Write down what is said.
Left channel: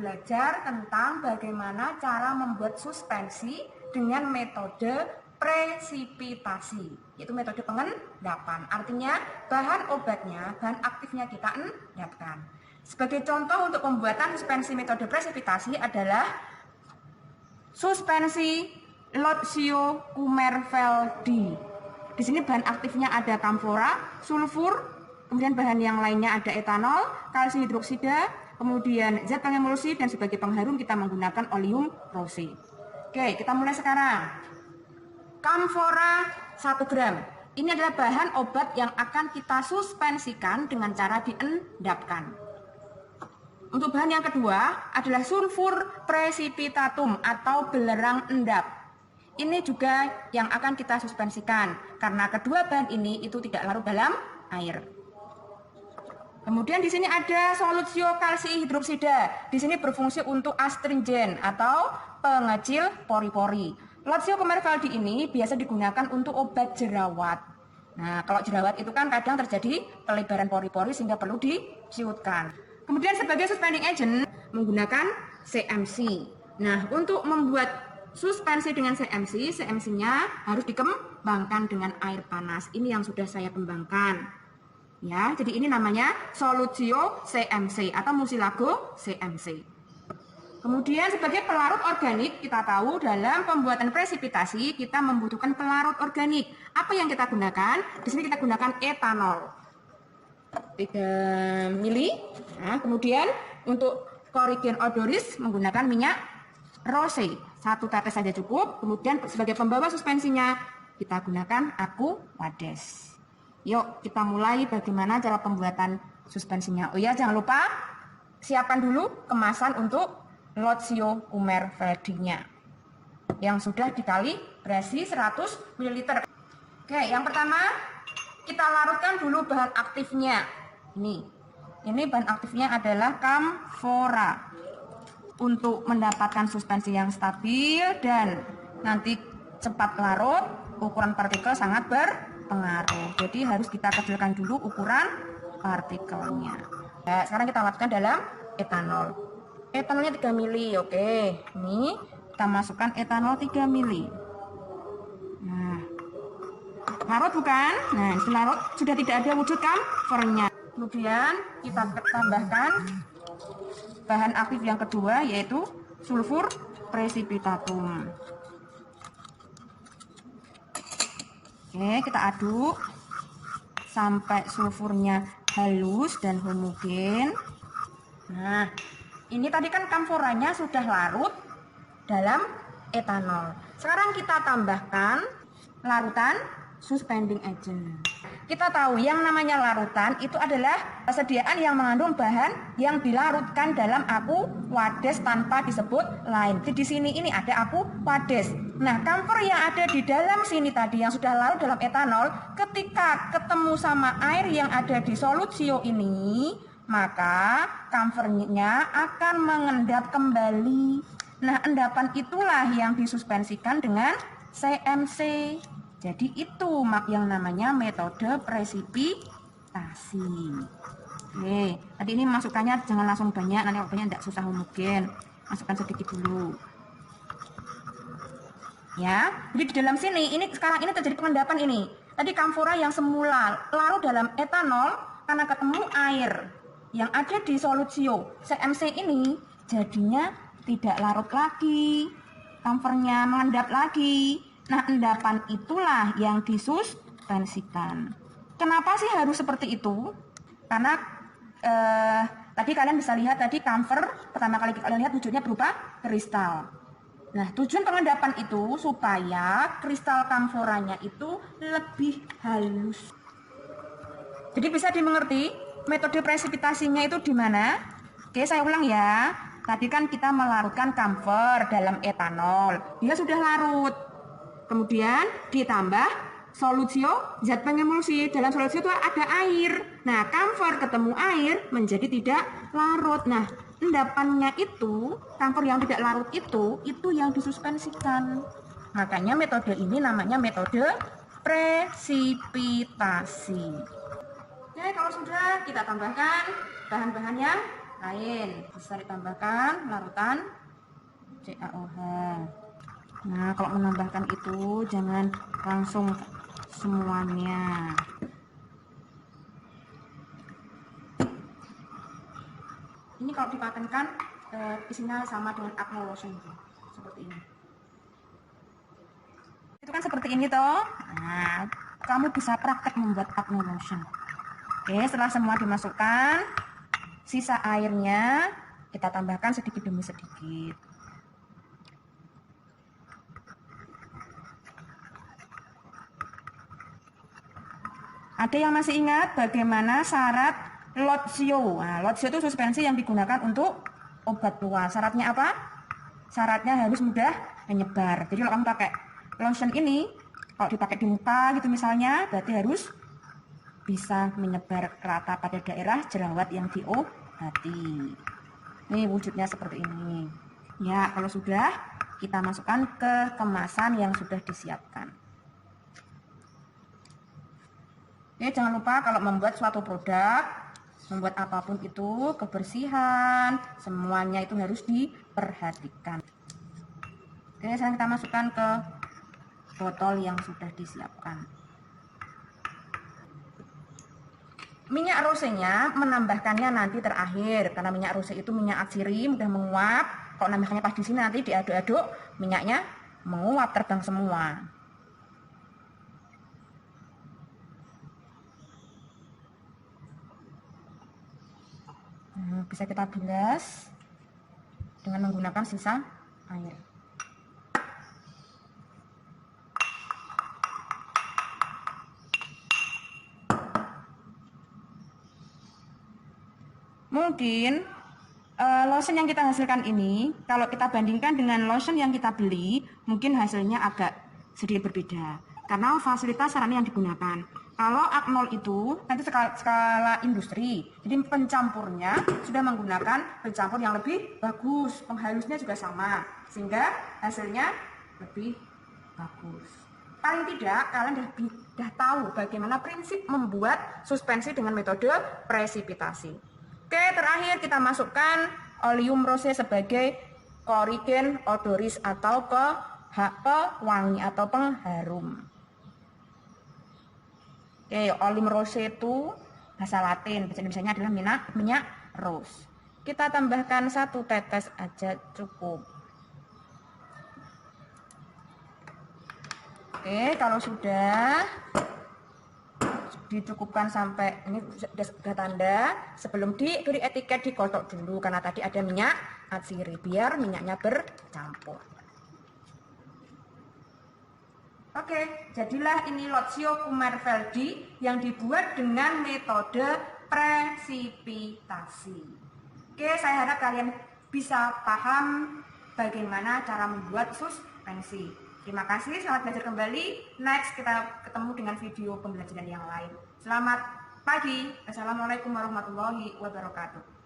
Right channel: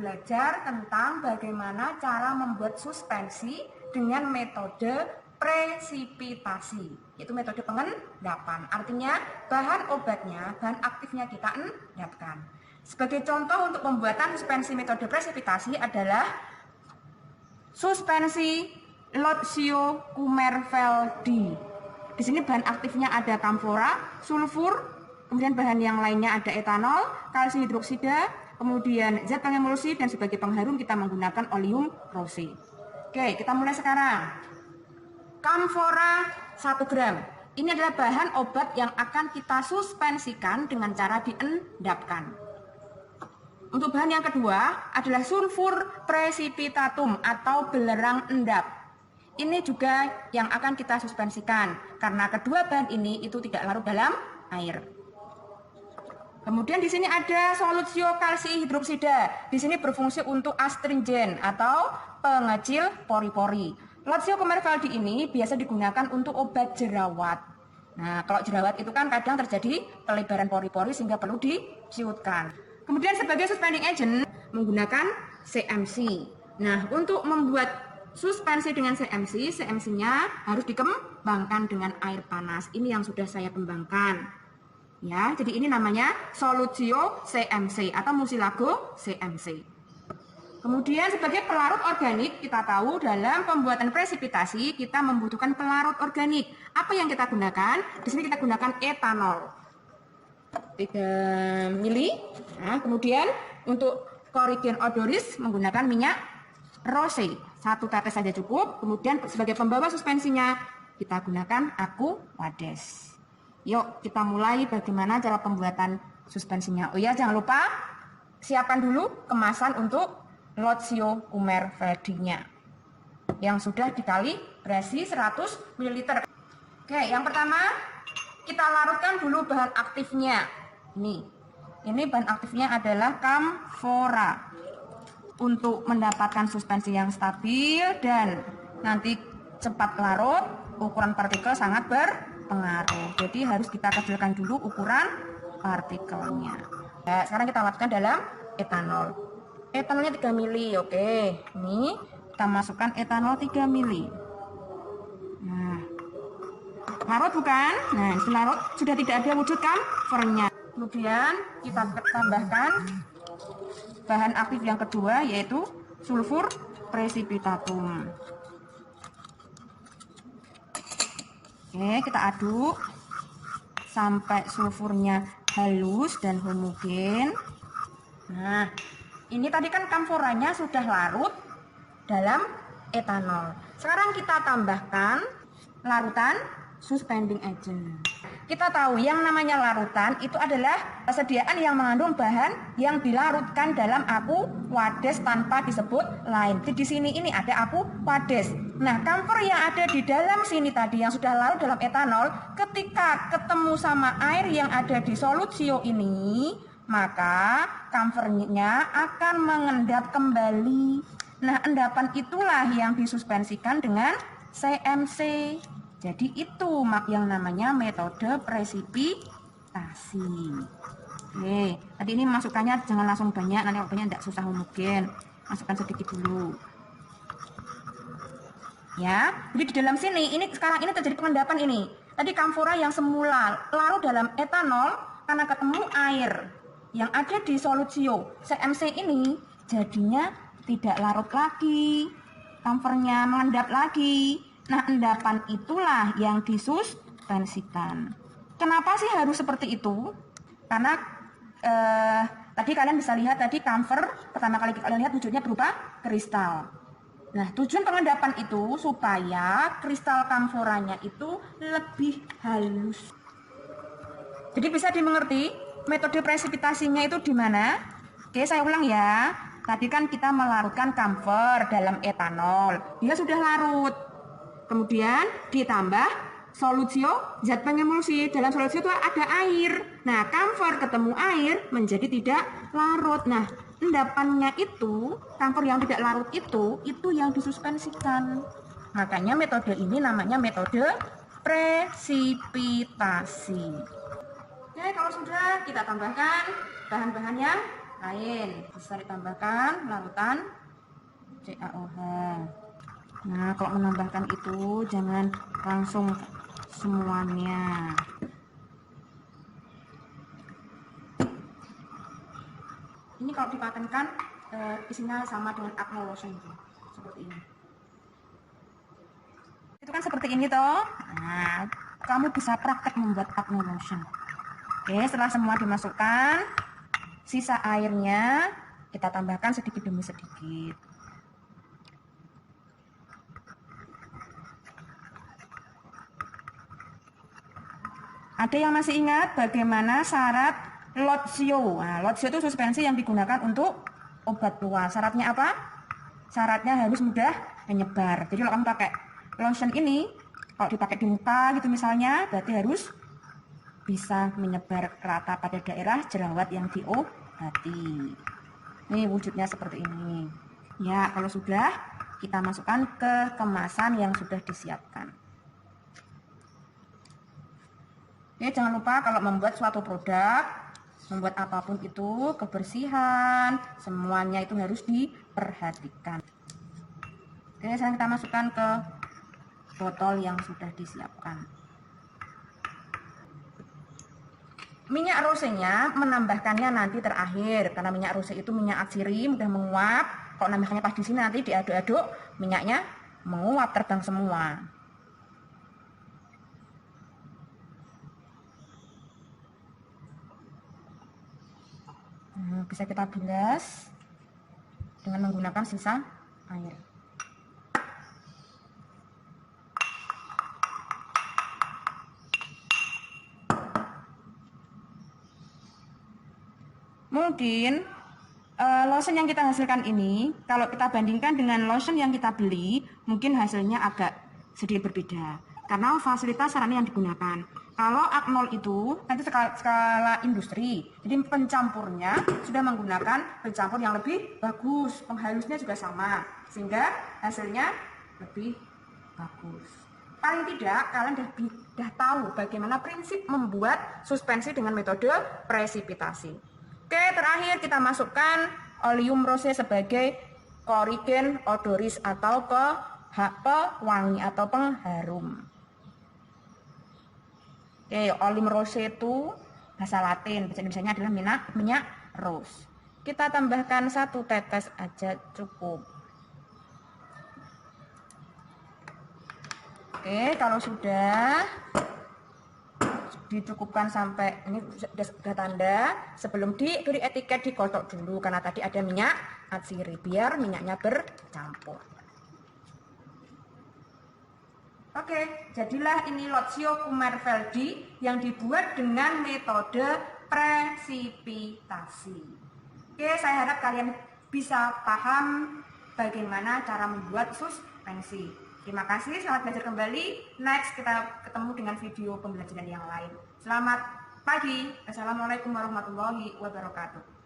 belajar tentang bagaimana cara membuat suspensi dengan metode presipitasi. Itu metode pengendapan. Artinya bahan obatnya, bahan aktifnya kita endapkan. Sebagai contoh untuk pembuatan suspensi metode presipitasi adalah suspensi Lotio Kumerveldi. Di sini bahan aktifnya ada kamfora, sulfur, kemudian bahan yang lainnya ada etanol, kalsium hidroksida, kemudian zat pengemulsi, dan sebagai pengharum kita menggunakan oleum rose. Oke, kita mulai sekarang. Kamfora 1 gram. Ini adalah bahan obat yang akan kita suspensikan dengan cara diendapkan. Untuk bahan yang kedua adalah sulfur precipitatum atau belerang endap. Ini juga yang akan kita suspensikan karena kedua bahan ini itu tidak larut dalam air. Kemudian di sini ada solutio kalsium hidroksida. Di sini berfungsi untuk astringen atau pengecil pori-pori. Lotio Kumerveldi ini biasa digunakan untuk obat jerawat. Nah, kalau jerawat itu kan kadang terjadi pelebaran pori-pori sehingga perlu diciutkan. Kemudian sebagai suspending agent menggunakan CMC. Nah, untuk membuat suspensi dengan CMC, CMC-nya harus dikembangkan dengan air panas. Ini yang sudah saya kembangkan. Ya, jadi ini namanya solutio CMC atau mucilago CMC. Kemudian sebagai pelarut organik, kita tahu dalam pembuatan presipitasi kita membutuhkan pelarut organik. Apa yang kita gunakan? Di sini kita gunakan etanol 3 mili. Nah, kemudian untuk Coridian odoris menggunakan minyak rose 1 tetes saja cukup. Kemudian sebagai pembawa suspensinya kita gunakan Aquades. Yuk kita mulai bagaimana cara pembuatan suspensinya. Oh ya, jangan lupa siapkan dulu kemasan untuk Lotio Kumerveldi-nya yang sudah dikalibrasi 100 ml. Oke, yang pertama kita larutkan dulu bahan aktifnya. Ini bahan aktifnya adalah kamfora. Untuk mendapatkan suspensi yang stabil dan nanti cepat larut, ukuran partikel sangat berpengaruh. Jadi harus kita kecilkan dulu ukuran partikelnya. Nah, sekarang kita larutkan dalam etanol. Etanolnya 3 mili, oke. Ini kita masukkan etanol 3 mili. Larut bukan? Nah, larut sudah tidak ada wujud kamfornya. Kemudian kita tambahkan bahan aktif yang kedua yaitu sulfur precipitatum. Oke, kita aduk sampai sulfurnya halus dan homogen. Nah, ini tadi kan kamforanya sudah larut dalam etanol. Sekarang kita tambahkan larutan suspending agent. Kita tahu yang namanya larutan itu adalah persediaan yang mengandung bahan yang dilarutkan dalam Aquades tanpa disebut lain. Di sini ini ada Aquades. Nah, kamfor yang ada di dalam sini tadi yang sudah larut dalam etanol, ketika ketemu sama air yang ada di solutio ini, maka kamfornya akan mengendap kembali. Nah, endapan itulah yang disuspensikan dengan CMC. Jadi itu yang namanya metode presipitasi. Oke, tadi ini masukannya jangan langsung banyak, nanti waktunya tidak susah homogen. Masukkan sedikit dulu. Ya, jadi di dalam sini, ini sekarang ini terjadi pengendapan ini. Tadi kamfora yang semula larut dalam etanol karena ketemu air yang ada di solutio CMC ini jadinya tidak larut lagi, kamfornya mengendap lagi. Nah, endapan itulah yang disuspensikan. Kenapa sih harus seperti itu? Karena tadi kalian bisa lihat tadi kamfer pertama kali kalian lihat wujudnya berupa kristal. Nah, tujuan pengendapan itu supaya kristal kamforanya itu lebih halus. Jadi bisa dimengerti metode presipitasinya itu di mana? Oke, saya ulang ya. Tadi kan kita melarutkan kamfer dalam etanol. Dia sudah larut. Kemudian ditambah solutio, zat pengemulsi. Dalam solutio itu ada air. Nah, kamfor ketemu air menjadi tidak larut. Nah, endapannya itu, kamfor yang tidak larut itu yang disuspensikan. Makanya metode ini namanya metode presipitasi. Oke, kalau sudah kita tambahkan bahan-bahannya. lain. Bisa ditambahkan larutan CaOH. Nah, kalau menambahkan itu jangan langsung semuanya. Ini kalau dipatenkan isinya sama dengan acne lotion seperti ini. Itu kan seperti ini toh. Nah, kamu bisa praktek membuat acne lotion. Oke, setelah semua dimasukkan, sisa airnya kita tambahkan sedikit demi sedikit. Ada yang masih ingat bagaimana syarat Lotsio? Nah, Lotsio itu suspensi yang digunakan untuk obat luas. Syaratnya apa? Syaratnya harus mudah menyebar. Jadi kalau kamu pakai lotion ini, kalau dipakai di muka gitu misalnya, berarti harus bisa menyebar ke rata pada daerah jerawat yang diobati. Ini wujudnya seperti ini. Ya, kalau sudah, kita masukkan ke kemasan yang sudah disiapkan. Oke, jangan lupa kalau membuat suatu produk, membuat apapun itu, kebersihan, semuanya itu harus diperhatikan. Oke, sekarang kita masukkan ke botol yang sudah disiapkan. Minyak rosenya menambahkannya nanti terakhir, karena minyak rose itu minyak atsiri, mudah menguap. Kalau nambahkannya pas di sini nanti diaduk-aduk, minyaknya menguap terbang semua. Bisa kita bilas dengan menggunakan sisa air. Mungkin lotion yang kita hasilkan ini, kalau kita bandingkan dengan lotion yang kita beli, mungkin hasilnya agak sedikit berbeda. Karena fasilitas sarana yang digunakan. Kalau Aknol itu skala industri, jadi pencampurnya sudah menggunakan pencampur yang lebih bagus, penghalusnya juga sama, sehingga hasilnya lebih bagus. Paling tidak kalian sudah tahu bagaimana prinsip membuat suspensi dengan metode presipitasi. Oke, terakhir kita masukkan oleum rose sebagai korigen odoris atau pewangi atau pengharum. Oke, oleum rose itu bahasa Latin, bahasa Indonesianya adalah minyak rose. Kita tambahkan 1 tetes aja cukup. Oke, kalau sudah dicukupkan sampai ini sudah tanda, sebelum diberi etiket digosok dulu karena tadi ada minyak atsiri biar minyaknya bercampur. Oke, jadilah ini Lotsio Kumarveldi yang dibuat dengan metode presipitasi. Oke, saya harap kalian bisa paham bagaimana cara membuat suspensi. Terima kasih, selamat belajar kembali. Next, kita ketemu dengan video pembelajaran yang lain. Selamat pagi. Assalamualaikum warahmatullahi wabarakatuh.